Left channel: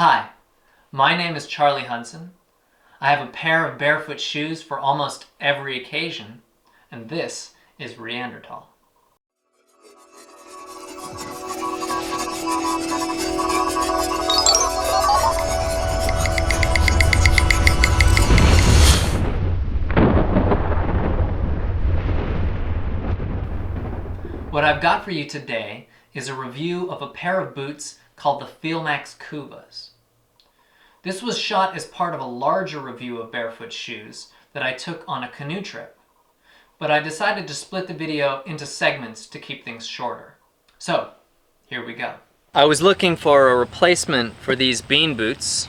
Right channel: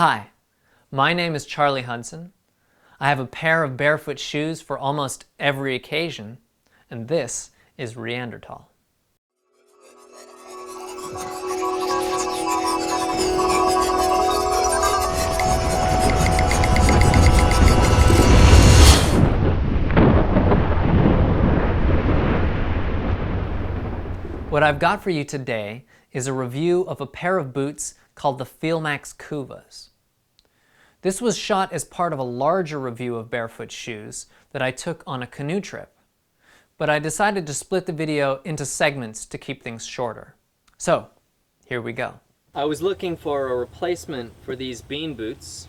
Hi, my name is Charlie Hudson. I have a pair of barefoot shoes for almost every occasion, and this is Reanderthal. What I've got for you today is a review of a pair of boots called the Feelmax Kuuvas. This was shot as part of a larger review of barefoot shoes that I took on a canoe trip, but I decided to split the video into segments to keep things shorter. So, here we go. I was looking for a replacement for these bean boots,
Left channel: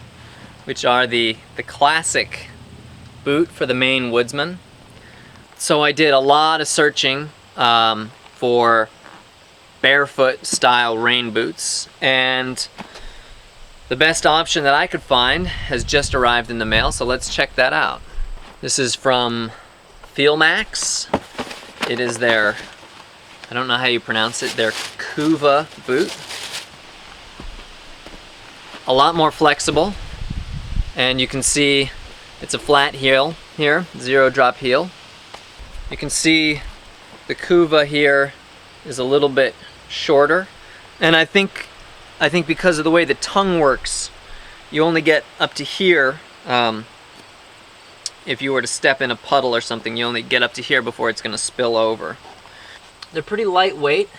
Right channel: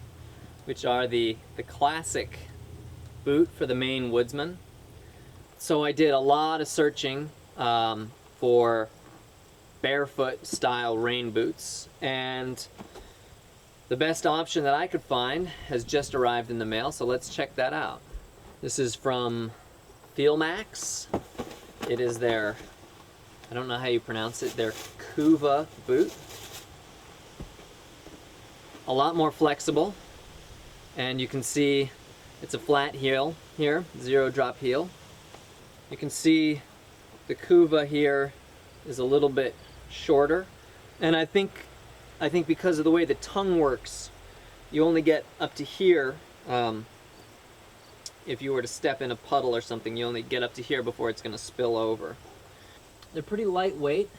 which are the classic boot for the Maine woodsman. So I did a lot of searching for barefoot style rain boots, and the best option that I could find has just arrived in the mail, so let's check that out. This is from Filmax. It is their, I don't know how you pronounce it, their Kuuva boot. A lot more flexible, and you can see it's a flat heel here, zero drop heel. You can see the Kuuva here is a little bit shorter, and I think because of the way the tongue works, you only get up to here. If you were to step in a puddle or something, you only get up to here before it's going to spill over. They're pretty lightweight.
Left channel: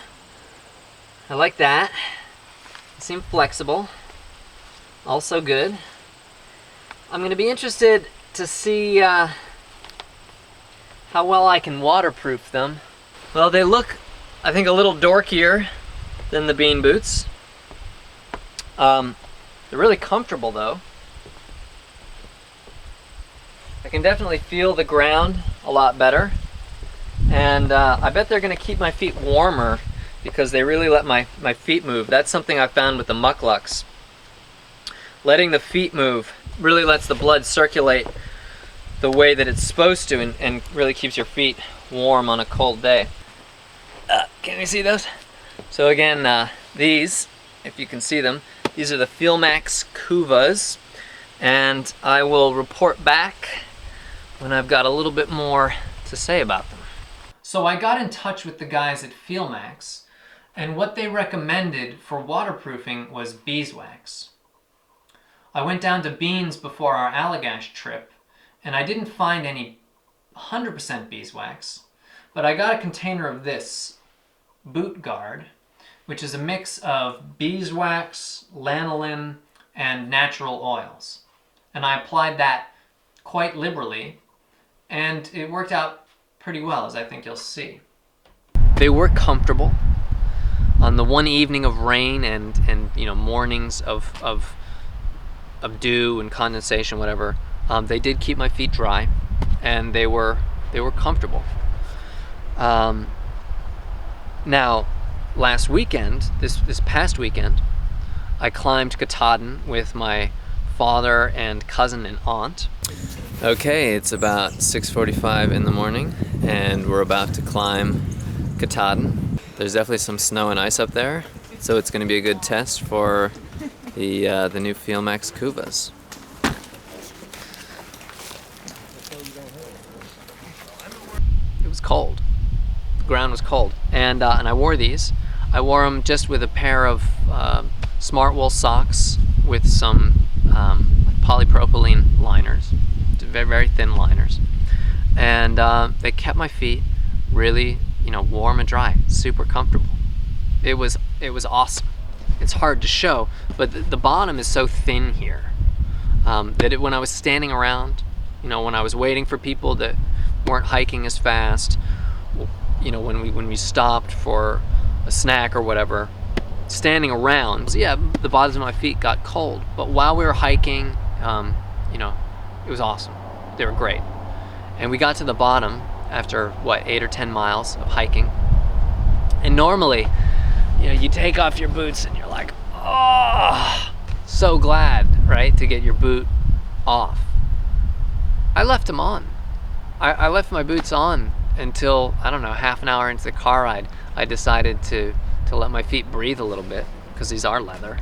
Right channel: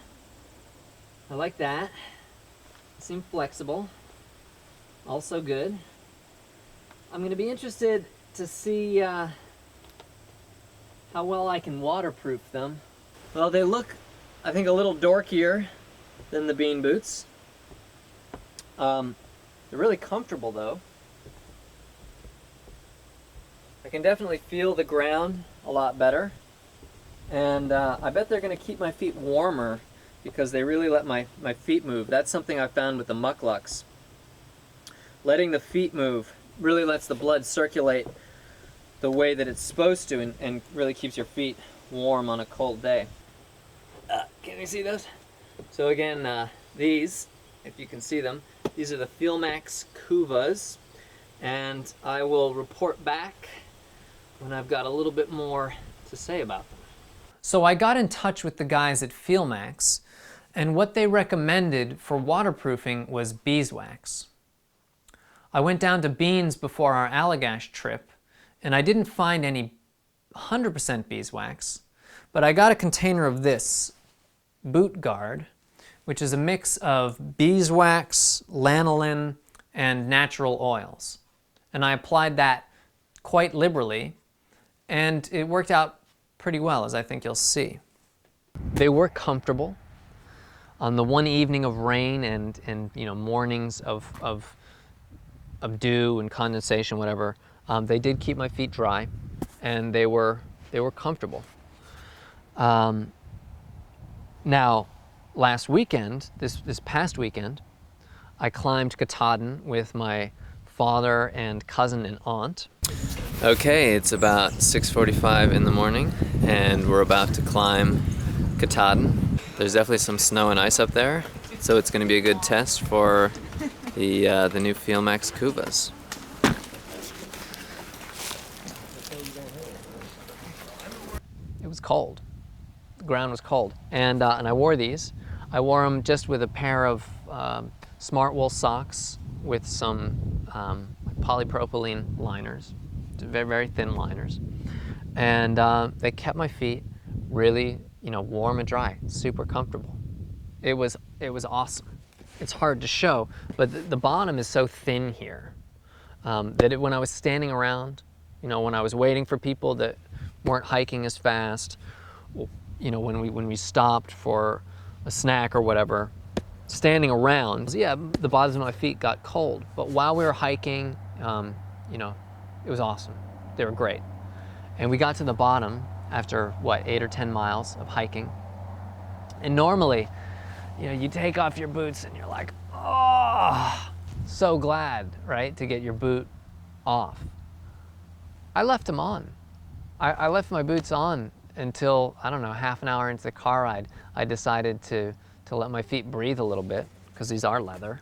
I like that. They seem flexible. Also good. I'm going to be interested to see how well I can waterproof them. Well, they look, I think, a little dorkier than the bean boots. They're really comfortable though. I can definitely feel the ground a lot better, and I bet they're going to keep my feet warmer because they really let my feet move. That's something I found with the mucklucks. Letting the feet move really lets the blood circulate the way that it's supposed to, and really keeps your feet warm on a cold day. Can you see those? So again, these, if you can see them, these are the Feelmax Kuuvas, and I will report back when I've got a little bit more to say about them. So I got in touch with the guys at Filmax, and what they recommended for waterproofing was beeswax. I went down to Beans before our Allagash trip, and I didn't find any 100% beeswax, but I got a container of this boot guard, which is a mix of beeswax, lanolin, and natural oils. And I applied that quite liberally, and it worked out pretty well, as I think you'll see. They were comfortable. On the one evening of rain and you know, mornings of dew and condensation, whatever, they did keep my feet dry, and they were comfortable. Now, last weekend, this past weekend, I climbed Katahdin with my father and cousin and aunt. Okay, it's about 6:45 in the morning, and we're about to climb Katahdin. There's definitely some snow and ice up there, so it's going to be a good test for the new Feelmax Kuuvas. It was cold. The ground was cold, and I wore these. I wore them just with a pair of smart wool socks with some polypropylene liners, very, very thin liners, and they kept my feet really, you know, warm and dry, super comfortable. It was awesome. It's hard to show, but the bottom is so thin here that when I was standing around, you know, when I was waiting for people that weren't hiking as fast, you know, when we stopped for a snack or whatever, standing around, yeah, the bottoms of my feet got cold, but while we were hiking, you know, it was awesome. They were great. And we got to the bottom after, what, 8 or 10 miles of hiking. And normally, you know, you take off your boots and you're like, oh, so glad, right, to get your boot off. I left them on. I left my boots on until, I don't know, half an hour into the car ride. I decided to let my feet breathe a little bit, because these are leather.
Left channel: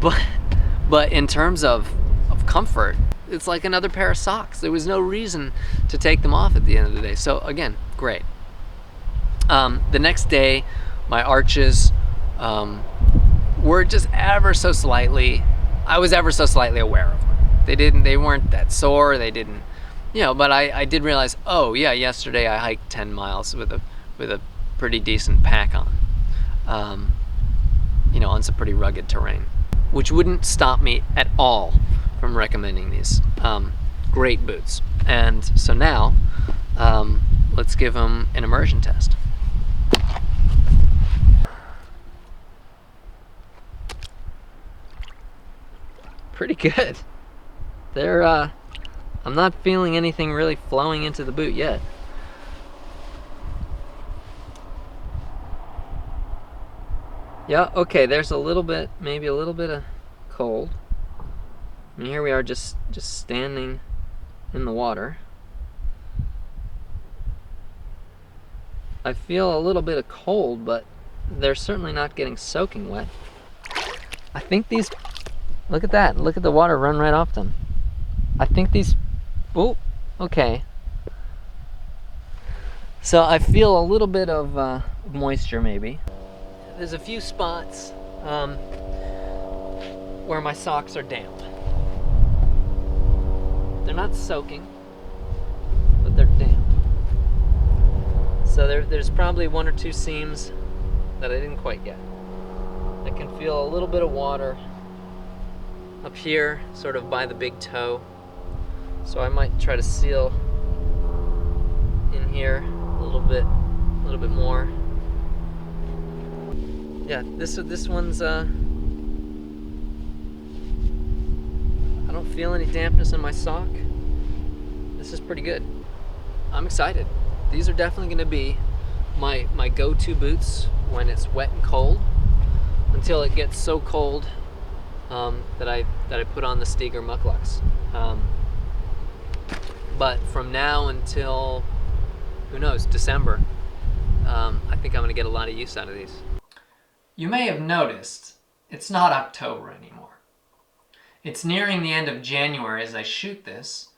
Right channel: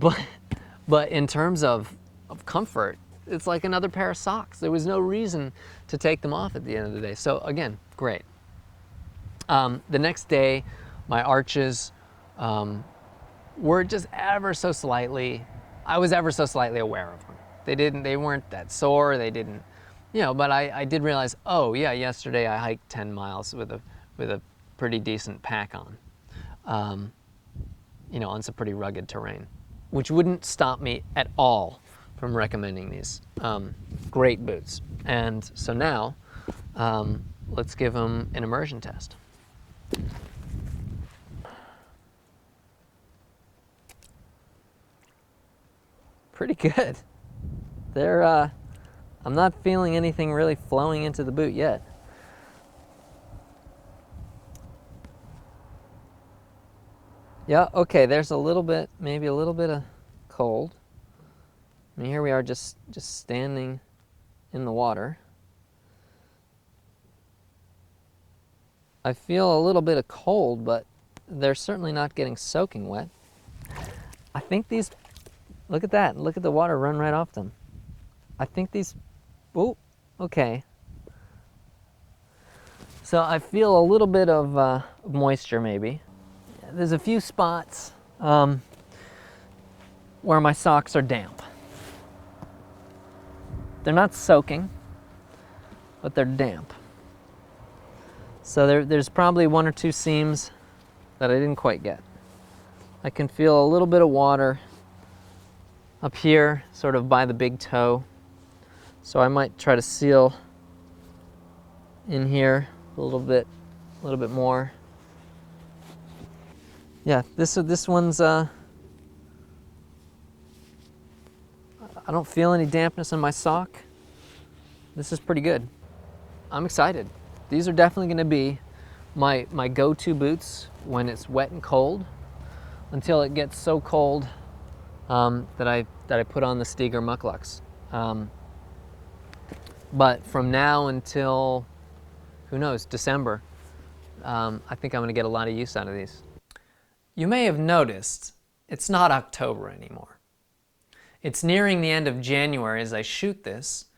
But in terms of comfort, it's like another pair of socks. There was no reason to take them off at the end of the day. So again, great. The next day, my arches were just ever so slightly, I was ever so slightly aware of them. They weren't that sore, they didn't, you know, but I did realize, oh yeah, yesterday I hiked 10 miles with a pretty decent pack on, you know, on some pretty rugged terrain, which wouldn't stop me at all from recommending these great boots. And so now, let's give them an immersion test. Pretty good. They're, I'm not feeling anything really flowing into the boot yet. Yeah, okay, there's a little bit, maybe a little bit of cold. And here we are just standing in the water. I feel a little bit of cold, but they're certainly not getting soaking wet. I think these, look at that, look at the water run right off them. I think these, oh, okay. So I feel a little bit of moisture maybe. There's a few spots where my socks are damp. They're not soaking, but they're damp. So there's probably one or two seams that I didn't quite get. I can feel a little bit of water up here, sort of by the big toe. So I might try to seal in here a little bit more. Yeah, this one's I don't feel any dampness in my sock. This is pretty good. I'm excited. These are definitely going to be my go-to boots when it's wet and cold, until it gets so cold that I put on the Steger mucklucks. But from now until, who knows, December, I think I'm going to get a lot of use out of these. You may have noticed it's not October anymore. It's nearing the end of January as I shoot this,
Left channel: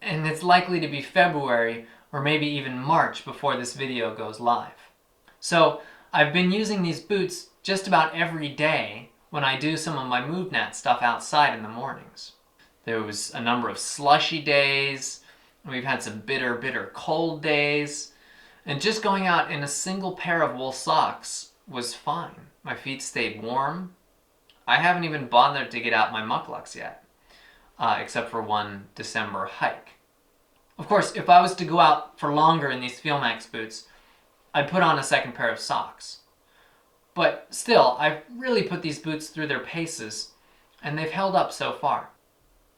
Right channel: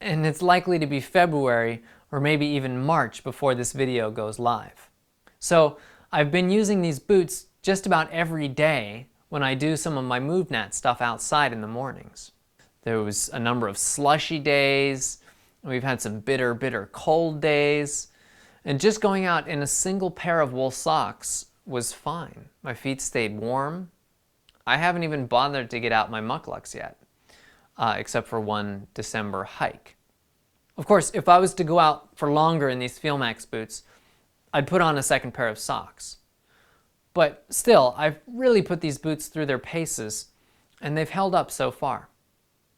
and it's likely to be February or maybe even March before this video goes live. So I've been using these boots just about every day when I do some of my MoveNat stuff outside in the mornings. There was a number of slushy days, we've had some bitter cold days, and just going out in a single pair of wool socks was fine. My feet stayed warm. I haven't even bothered to get out my mucklucks yet, except for one December hike. Of course, if I was to go out for longer in these Feelmax boots, I'd put on a second pair of socks. But still, I've really put these boots through their paces, and they've held up so far.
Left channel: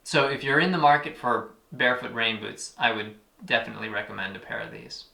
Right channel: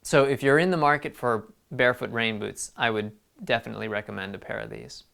So if you're in the market for barefoot rain boots, I would definitely recommend a pair of these.